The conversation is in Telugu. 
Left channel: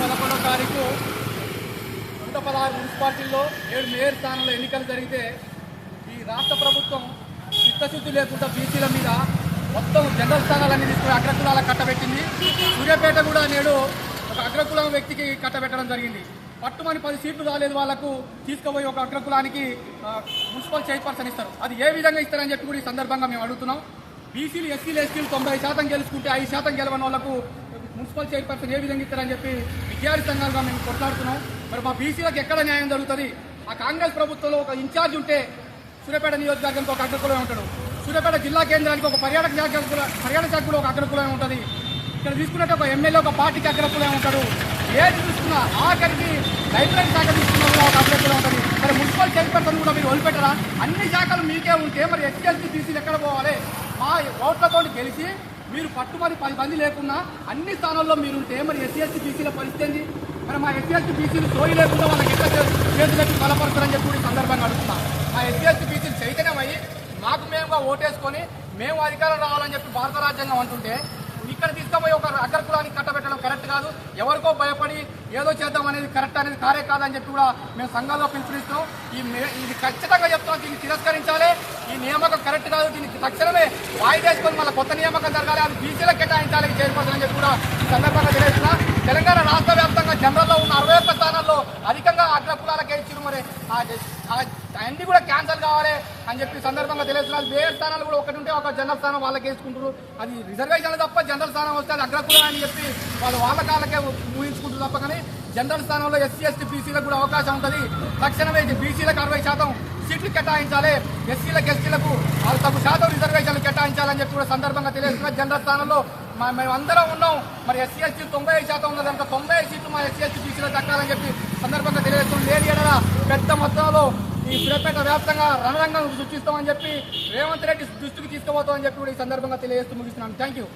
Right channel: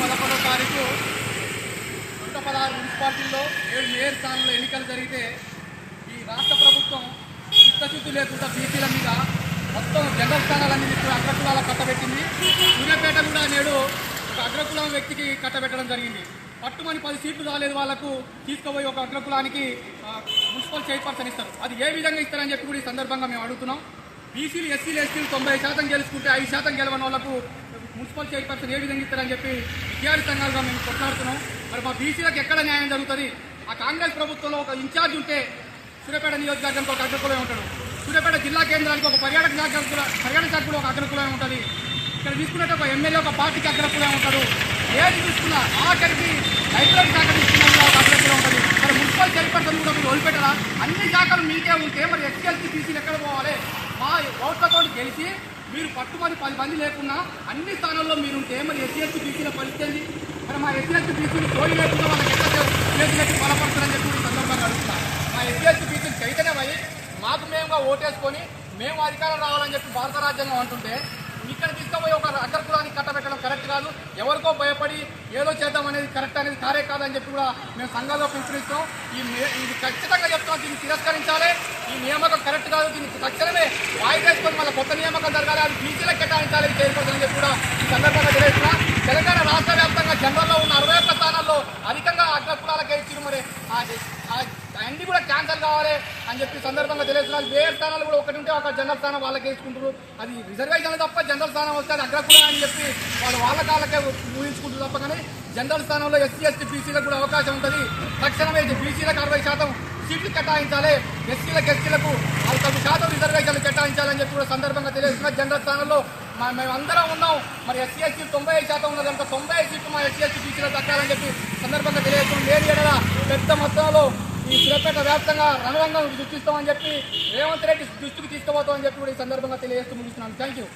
పదకొండవ తారీఖు నూట పదహారు మున్సిపాలిటీల్లో ఏడు మేయర్ స్థానంలో ఎన్నికలు జరిగితే ఈ రాష్ట్ర ప్రభుత్వం చిత్తశుద్ధి లేకుండా బీసీల మీద మొత్తం జనరల్ స్థానాలన్నీ తీసుకుని అగ్రకులాల కట్టబెట్టింది. సూర్యాపేట కూడా నేడు ఒక అగ్రకులం వ్యక్తికి కట్టబెట్టడం జరిగింది. పట్టుమని పది సీట్లు రాలేదు వాళ్ళకు తీసుకుపోయి ఒక అగ్రకులానికి మున్సిపల్ చైర్పర్సన్ ఇస్తారు. అది ఏ విధంగా ఇస్తారని చెప్పి కూడా ఈ సందర్భంగా మేము అడుగుతున్నాం. బీసీలు ఎస్సీలు ఎస్టీలు తొంభై శాతం గెలుచుకుంటే ఐదు శాతం గెలవని వాళ్ళకు మున్సిపల్ చైర్పర్సన్ ఏ విధంగా ఇస్తారని చెప్పి విద్యార్థి సంఘాలుగా మేము కొట్లాడుతున్నాం. మరి మా బీసీలకు ఎక్కడ న్యాయం జరుగుతుంది? ఆ కాంగ్రెస్ ప్రభుత్వంలో ఒక ఇన్ఛార్జ్ ఉంటే సూర్యాపేట నియోజకవర్గానికి ఒక అగ్రకులమే ఉంటాడు. సూర్యాపేట జిల్లా కేంద్రానికి ఒక పర్యాటక శాఖ కూడా- పర్యాటక శాఖ కూడా ఒక అగ్రకులమే ఉంటుంది. ఇక్కడ తీసుకున్నట్టు ఒక ఎమ్మెల్యే ఒక పార్టీకి అగ్రకులమే ఉంటాడు. ఏది చూసుకున్నా ఆఖరికి లైబ్రరీ శాఖ తీసుకున్నా కూడా ఒక అగ్రకులం ఉంటుంది. మరి మున్సిపల్ చైర్పర్సన్ కూడా మీరు వదిలిపెట్టరా? అన్ని శాఖలు మీకే ఉంటే మరి ఎస్సీఎల్సీ బీసీలు ఎక్కడ పోవాలి? మా ఓట్లతో గెలిచి మీరు పట్టుబడి పది మంది లేకుండా అన్ని స్థానాల్లో మీరు ఉంటే మరి ఎస్సీఎస్టీ బీసీల పరిస్థితి మరి మా ఎస్సీఎస్టీ బీసీలు తోడి లేకుండా వాళ్ళకి ఎక్కడ చేతులకి బలపడతారని చెప్పి కూడా ఈ సందర్భంగా అడుగుతున్నాం. మా ఎస్సీఎస్టీ బీసీలు చైతన్యమై మాకు మేముగా ఓటేసుకొని మేము అధికారం రావాలని చెప్పి భారత రాజ్యాంగం అంటుంటే ఇక్కడ తీసుకుపోయి ఒక అగ్రకులానికి కట్టబెట్టడం కరెక్ట్ కాదు. ఎవరికో భయపడి ఏదో చేద్దాం అనేది కరెక్ట్ అనేది కారే కాదని చెప్పి కూడా మేము సంఘాల్లో పిలుపునిస్తాం. ఈ ఇది ఖచ్చితంగా చెప్తాం దీన్ని తిరస్కరించాలి. ఈ నియామకం కరెక్ట్ కాదు. దీనికి తక్షణమే వాయిదేసుకొని మళ్ళీ కొత్త నియామకం జరగాలి. అది బీసీలకు కేటాయించాలి చైర్పర్సన్ అని చెప్పి కూడా ఈ సందర్భంగా తెలియజేస్తున్నా. తెలంగాణ రాష్ట్ర వ్యాప్తంగా జనరల్లో ఉన్న అరవై ఒక్క స్థానాల్లో అధికంగా అగ్రకులాలకే ఇచ్చారు మరి ఆ- ఆ- అన్ని కూడా క్యాన్సర్ కావాలి అని చెప్పి సందర్భంగా తెలుస్తున్నారు వేరే స్థానాలు కూడా ఒకటి ఉంటే ఒక జనరల్ స్థానం వాళ్ళకి వేసుకుంటారు అది రిజర్వేషన్లు తప్ప జనరల్ స్థానం వస్తే అది అగ్రకులం అని చెప్పి వాళ్ళు వాళ్ళ కాళ్ళకే ఊహించుకుంటారు తప్ప కానీ జనరల్ స్థానంలో ఎస్సీ ఎస్టీ బీసీలకు కూడా అవకాశం ఉంటుంది. తక్షణమే ఇది బీసీలకు అరవై శాతం సీట్లు కేటాయించాలి. ఎస్సీలకు ఎస్టీలకు వాళ్ళు తమ శాతం రిజర్వేషన్లు కేటాయించాలని చెప్పి కూడా సందర్భంగా తెలియజేస్తున్నారు. జనరల్ స్థానంలో మా- మేము అందరం ఉన్నాం. మరి ఎస్సీ ఎస్టీ తొంభై ఐదు శాతం ఉన్నది. కనుక తొంభై ఐదు సీట్లు మా ఎస్సీ ఎస్టీ బీసీలకు దక్కాలని చెప్పి సందర్భంగా తెలియజేస్తున్నాం లేని ఎడల పెద్ద మొత్తంలో ఈ సురపేట వ్యాప్తంగా రణరంగం సృష్టిస్తామని చెప్పి రేవంత్ రెడ్డి దృష్టికి తీసుకుపోతామని చెప్పి కూడా ఈ సందర్భంగా తెలియజేస్తూ ముగిస్తున్నాను. Thank you